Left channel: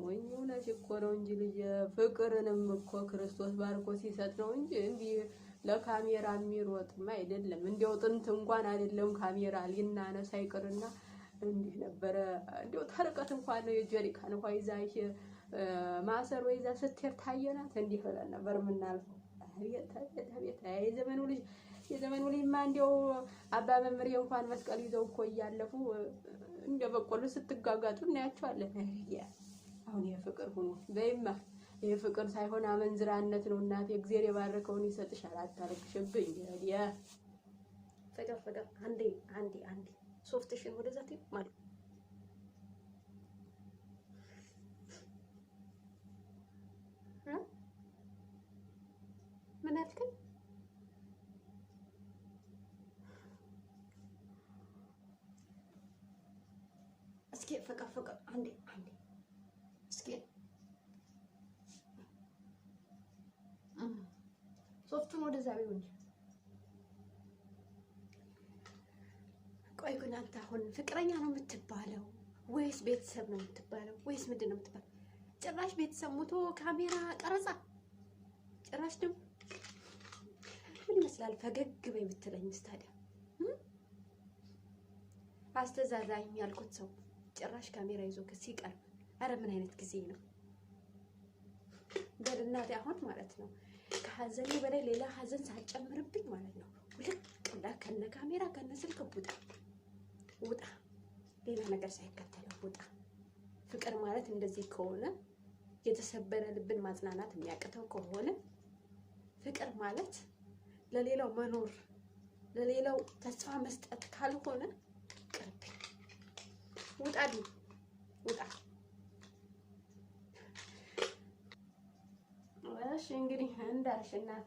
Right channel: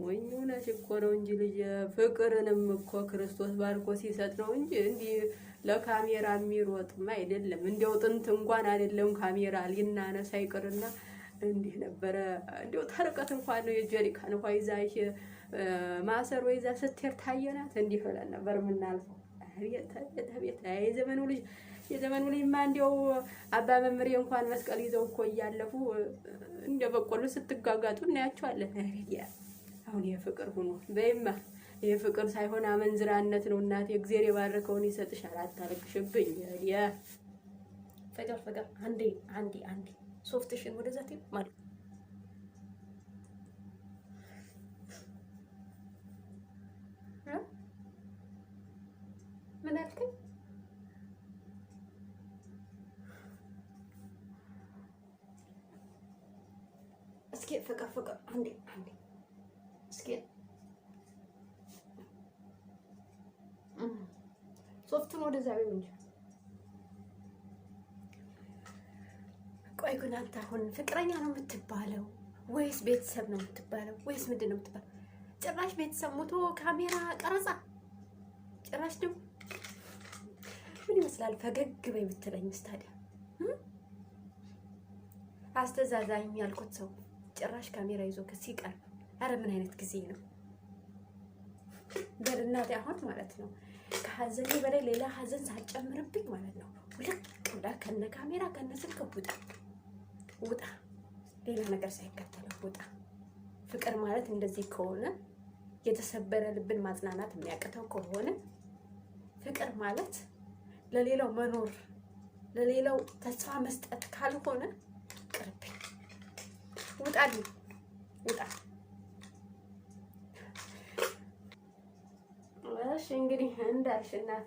ሞኙና ሲቆረው እንጂ ልጅ ፍቅርንም እኮ ክርስቶስ ባርኮ ሲሰጥ ነው እንጂ እንዲህ ለካሜራ የሚሮጥማ አይደለም። እንዲያው ጥንት እንኳን አይደለም ካሜራ ሊናነሳ ይቅርና እንዲህ ነበረ። እንዲያው ተርቀት እንኳን ነው የጀሪካን እንኳን ይዛ ማሰሮ ይዛ ስትሄድ ታየናት እንዲህ ብለን ነበር የምናልፈው። አቤት የዘመኑ ልጅማ እንዲያው አባ መምሬ እንኳን መስቀል ይዘው እኮ እያለፉ እንደ በቆሎ ስትጋጋጡ እናያቸዋለን። አሁን ይሄ ፍቅር ሆኖ በይማ ይሄ ፍቅር ሳይሆን አመንዝራነት ነው። እናቴ እግዚአብሔር የባረከውን ይሰጥሻል። አታልቅሽብኝ። ፍቅር አንዴ ሶፍትሽን ወደዛ ትይ ማለት ምን አልከኝ? እስኪ ፍቅር አንዴ እስኪ ሶፍቱን ወደዛ ቢሆን እንጂ። ቆይ ግን አንተ አሁን ፍቅረኛ ነው የምትባለው ወይስ ቤተሰብ ነው የምትባለው ወይስ ምንድን ነው የምትባለው? ጭራሽ ቤተሰብ ሞቶ ካሜራ ቀረጻ ጭራሽ ደግሞ ምን ይመስላል? ፈገግ በይ ብትለኝስ ታዲያ አስተዛዛኝ ያልኩት ሰው ጭራሽ ካሜራ ይዞ ሲቀርብ፣ አረ ምን አይነት ጊዜ ነው? በእናቴ አሁን ማለት ነው ከሀዘኔ በላይ ሌላ ሀዘን ሳጨምርብኝ ማለት ነው ውልቅ ብላ ከነ ካሜራ ከነ ስልክ ውጣ ሌላ ነገር ሳይከተለው ውጣ። ፍቅር ማለት እንደዚህ ከሆነ የተሰበረ ልብን ማጽናናት የሚያቅተው ከሆነ ፍቅር ማለት ለሌላው መኖር ለሌላው ተስፋ መስጠት ካልሆነ ቅርብኝ። ውጣ። እሺ እንግዲህ እንዳልሽ እናቴ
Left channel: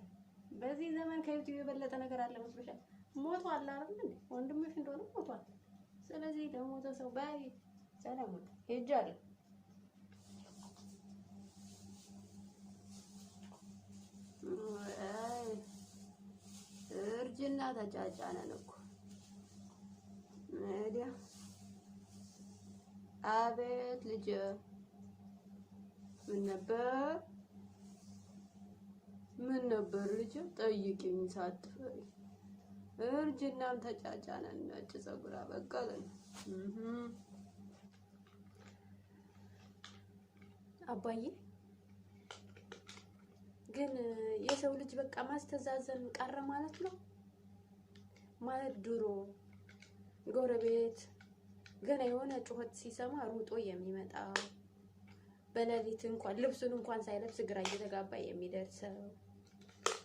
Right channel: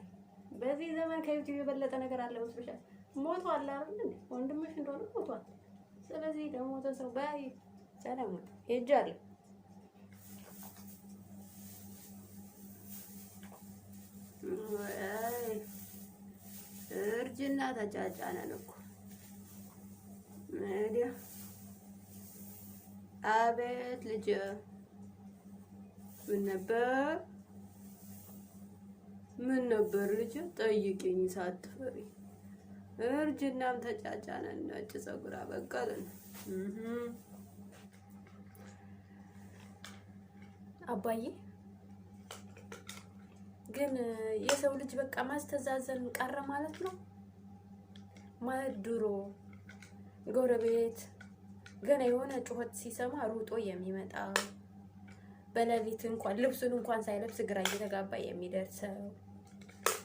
በዚህ ዘመን ከዩቲዩብ የበለጠ ነገር አለ መስሎሻል? ሞቷል አይደል እንዴ? ወንድምሽ እንደሆነ ሞቷል። ስለዚህ ለሞተ ሰው ባይ ሰላም ሄጃለሁ። እርጅና ተጫጫነን እኮ እንግዲህ። አቤት ልጅ ምን ነበር ልጅ? ጠይቂኝ ሳትፈሪ። እርጅናም ተጫጫነን፣ ነጭ ፀጉር አበቀልን። አባዬ ግን የሰው ልጅ በቃ ማስተዛዘን ቀረ ማለት ነው። ማለት ድሮ ጎረቤት ገና የሆነ ጩኸት ሲሰማ ሩጦ የሚመጣ በሌሊት እንኳን ልብሱን እንኳን ሳይለብስ ግራ እየተጋባ የሚደርሰው፣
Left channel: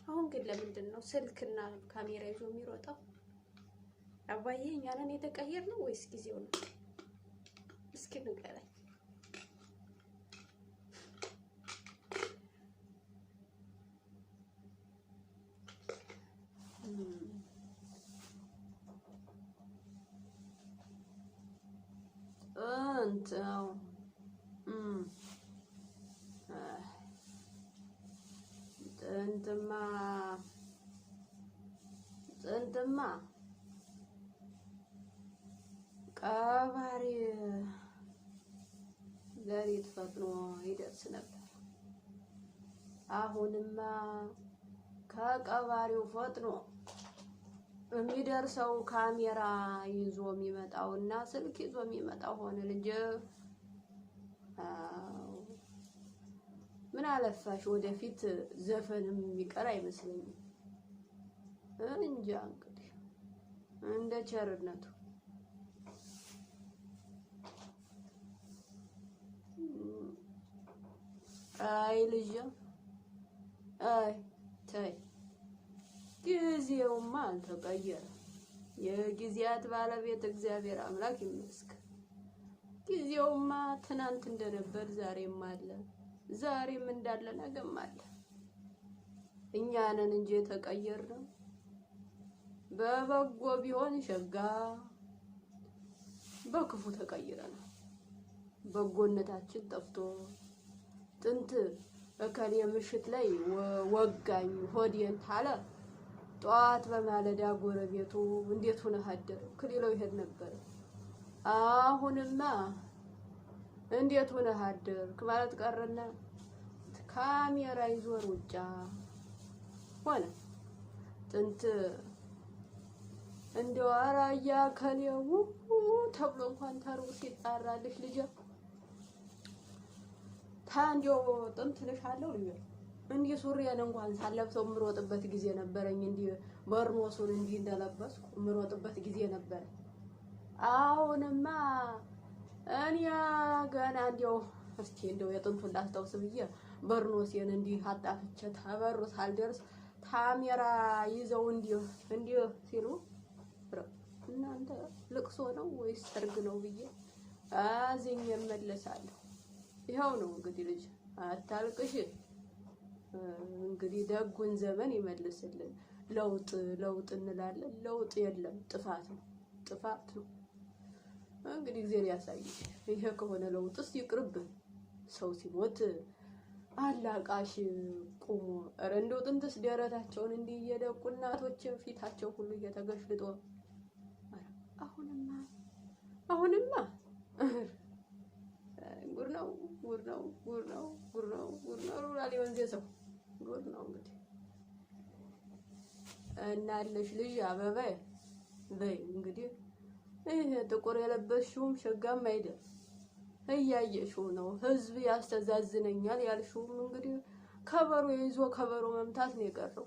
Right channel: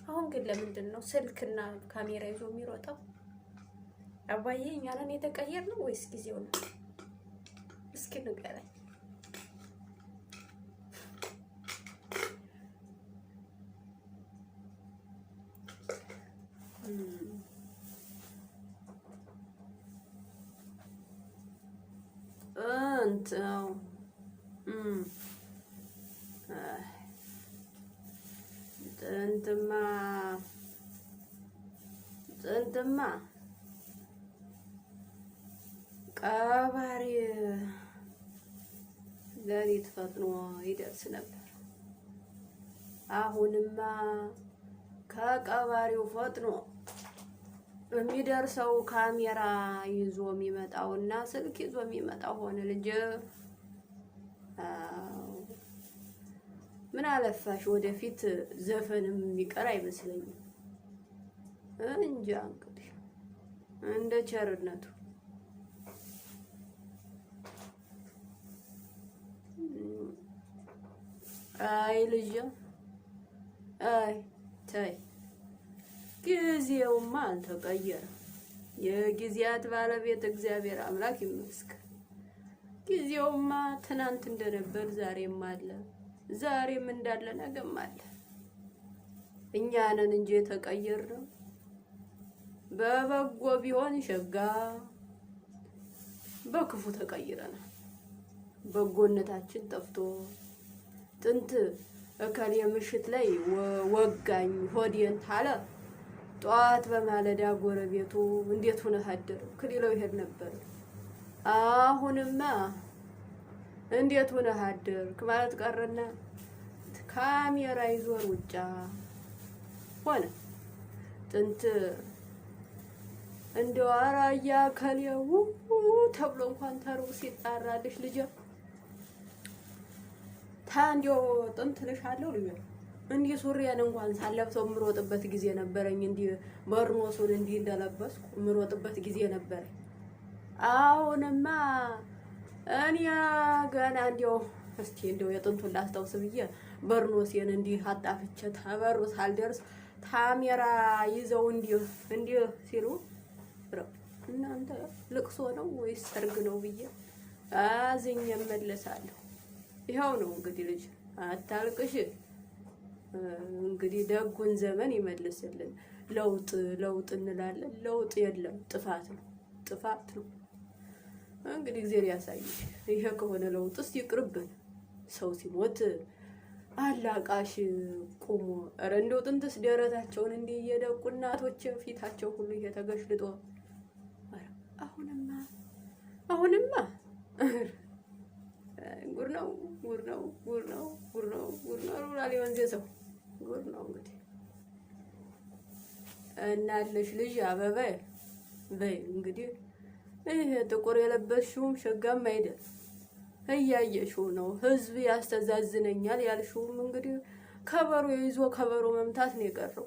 አሁን ግን ለምንድን ነው ስልክና ካሜራ ይዞ የሚሮጠው? አባዬ እኛ ነን የተቀየርነው ወይስ ጊዜው ነው? እስኪ ንገረኝ። ጥንትማ ቀባሪ ሌሊት ፈጥኖ ይደርስ ነበር። አሁንማ ከቀባሪው ፈጥኖ የሚደርሰው ካሜራ ይዞ የሚመጣውና ስልክ ይዞ የሚመጣው ሆነ ልጅ። ምን አለፋሽ ወደፊት ዘፈንም የሚቀር አይመስለኝም። እንጃ እንግዲህ እንደ ቸርነቱ። አይ ልጅ አይ ተይ፣ ጊዜውማ አልተቀየረም። የጊዜያት ባለቤት እግዚአብሔር አምላክ ይመስገን። ጊዜውማ ትናንት እንደነበር ዛሬም አለ፣ ዛሬም እንዳለ ነገም አለ። እኛ ነን እንጂ የተቀየርነው። በበጎ ቢሆን ሸጋ፣ በክፉ ተቀይረናል። በጎነታችን ጠፍቶ ጥንት እከሌ ምሽት ላይ ወጋኝ ሆዴን ታለ ጧት በማለዳ ጎረቤቱ እንዴት ሆነ አደርክ ሊለው ይሄድ ነበር። አሁንማ እንዴት ሆነህ አደርክ ማለት ቀረና ካሜራ ይዞ ሩጫ ሆነ። ጥንት እንደው አራያ ከሌው ተብሎ እንኳን ተርቡ ሲጣራልሽ ልጅ ታንዲው ጥንት ልሻለሁ ልጅ እንዲህ ሱሪያን እንኳን ሳለብሰው ምሮጥበት ጊዜ ነበረኝ። እንዲህ በርኖሱን እንዲህ እንደለበስኩ ምሮጥበት ጊዜ ነበረኝ። አሁንማ እኔ ገና እንደው እስቲ እንደው የጥንቱን ላስታውስ ብዬ በርኖሴን እንዲህ አጣፍቼ ተበሩ ሳልደርስ ካሜራ ይዘው እንዲህ ሲሉ እናንተ ልቅሶ ነው ወይስ ሰርግ ነው ብዬ አዝኜ እመለሳለሁ። ይኸው ነው እንግዲህ ልጅ አታልቅሽ። እንግዲህ ደጉን ዘመን ይመልስልን። ለውጥ እንላለን። ለውጥ የለም፣ ጥፋት ነው። እንግዲህ እግዚአብሔር ያሳይሽ። ይሄ ከሆነ ለውጥስ ይቅርብን። ሰው ሲሞት አላቃሽ ቁሞ ኧረ እንደው ጥንትስ ደረታቸውን እንዲህ እየደቁ እናቶች ፊታቸው ሁሉ እየተገሽልጦ አሁንማ ጉር ነው ሩራሌ ወንዜ ሰው ጉር ነው እንግዲህ እናለሽ ልጅ አበባ በይ እንግዲህ ይሄ ጥቁር የለበስሽውም ሸጋም አይደል እያየሽው ነው። ህዝብ ያስተዛዝነኛል ያልሽውም እንግዲህ ከበሮ ይዞ ከበሮ መምታት ነው የቀረው።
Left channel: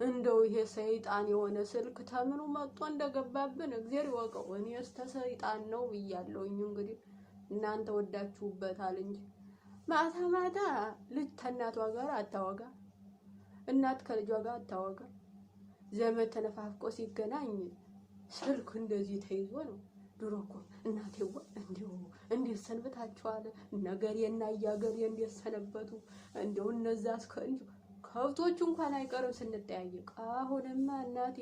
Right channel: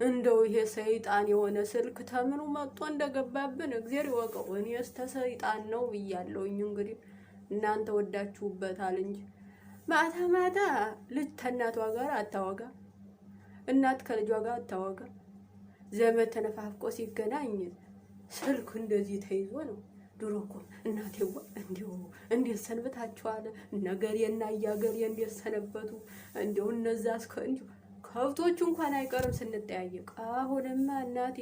እንደው ይሄ ሰይጣን የሆነ ስልክ ተምኑ መጥቶ እንደገባብን እግዚአብሔር ይወቀው። እኔስ ተሰይጣን ነው ብያለሁኝ። እንግዲህ እናንተ ወዳችሁበታል እንጂ ማታ ልጅ ከእናቷ ጋር አታወጋ፣ እናት ከልጇ ጋር አታወጋ። ዘመድ ተነፋፍቆ ሲገናኝ ስልክ እንደዚህ ተይዞ ነው። ድሮ እኮ እናቴዋ እንዴት ሰንብታችኋል? ነገሬና እያገሬ እንዴት ሰነበቱ? እንደው እነዛ ከብቶቹ እንኳን አይቀርም ስንጠያየቅ። አሁንማ እናቴ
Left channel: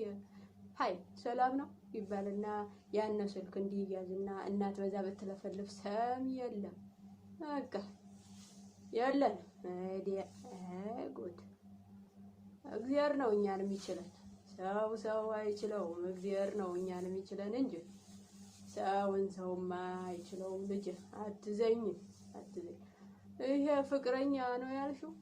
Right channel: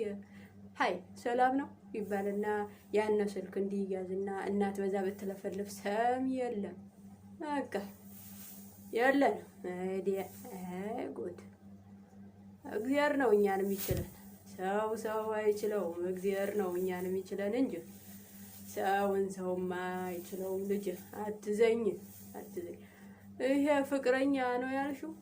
ሃይ ሰላም ነው ይባልና ያን ስልክ እንዲያዝና እናት በዛ በተለፈልፍ ሰም የለም በቃ የለን። ጉድ እግዚአብሔር ነው እኛን የሚችለን። ሰው አይችለውም። እግዚአብሔር ነው እኛን የሚችለን እንጂ ሰውማ አይችለውም። ልጅ አትዘኝ። ይሄ ፍቅረኛ ነው ያልሽው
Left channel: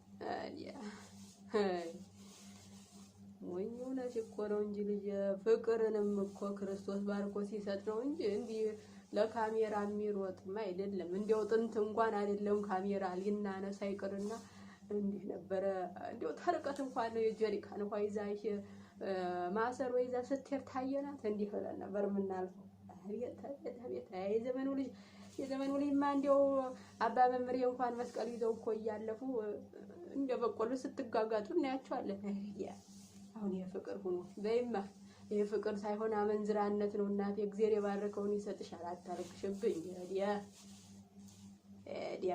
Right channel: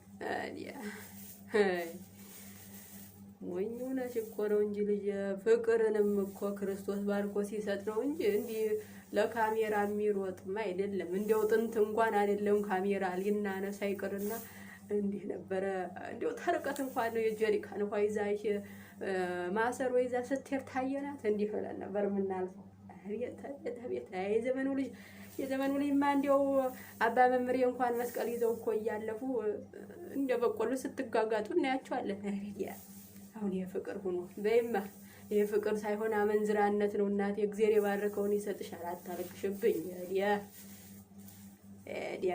ሞኝ ሆነሽ እኮ ነው እንጂ ልጅ ፍቅርንም እኮ ክርስቶስ ባርኮ ሲሰጥ ነው እንጂ እንዲህ ለካሜራ የሚሮጥማ አይደለም። እንደው ጥንት እንኳን አይደለም ካሜራ ሊናነሳ ይቅርና እንዲህ ነበረ። እንደው ተርቀት እንኳን ነው የጀሪካን እንኳን ይዛሽ ማሰሮ ይዛ ስትሄድ ታየናት እንዲህ ብለን ነበር የምናልፈው። አቤት የዘመኑ ልጅማ እንደው አባ መምሬ እንኳን መስቀል ይዘው እኮ እያለፉ እንደ በቆሎ ስትጋጋጡ እናያቸዋለን። አሁን የፍቅር ሆኖ በይማ የፍቅር ሳይሆን አመንዝራነት ነው። እናቴ እግዚአብሔር የባረከውን ይሰጥሻል። አታርቅሽብኝ።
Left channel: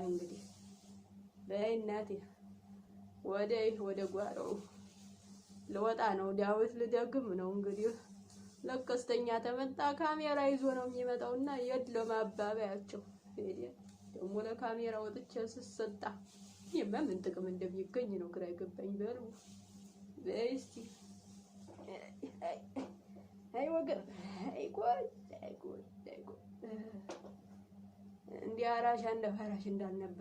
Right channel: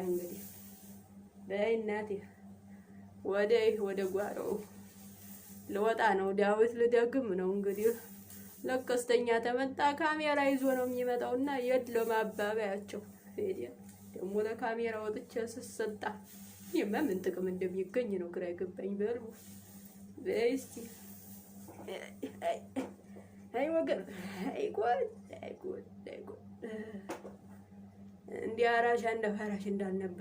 እንግዲህ በይ እናቴ ወደ ጓሮ ልወጣ ነው። ዳዊት ልደግም ነው እንግዲህ ለቀስተኛ ተመጣ ካሜራ ይዞ ነው የሚመጣውና የድለው ማባባያቸው ደግሞ ለካሜራ ወጥቼ ስሰጣ ምን ጥቅም እንደሚገኝ ነው ግራ ይገባኝ። በሉ በስቲ አይ ወገን አይ ጎድ እንዲህ አራሽ እንደ ፈራሽ እንዳልነበር